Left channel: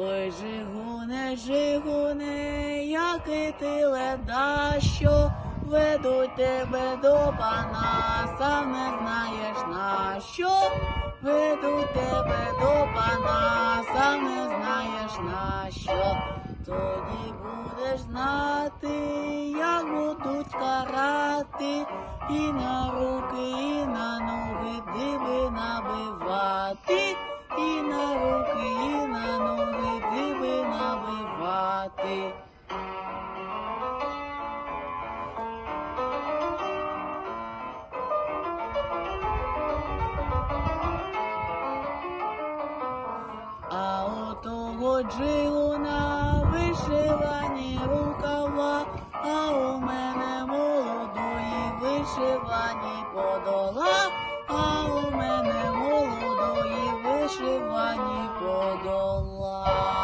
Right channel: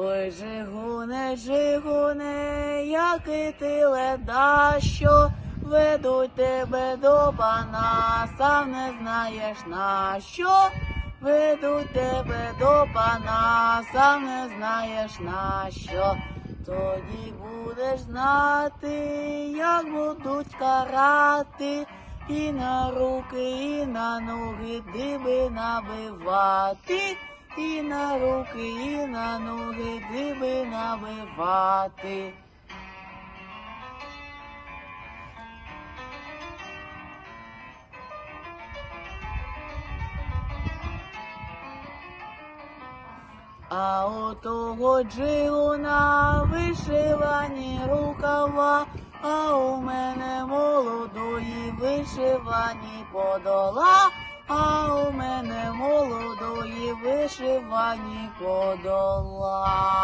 Ой, жигуне, жигуне, який ти леда, що ведуть тебе до пана, сам не знаєш на що. Ведуть тебе до пана, сам не знаєш на що. Тоді будеш знати, як будуть карати, і на руки, і на ноги диби набивати, і на руки, і на ноги диби набивати. А у того джигуна вишивані рукава, а у мене молодої вишивані подола, а у вишивані подола.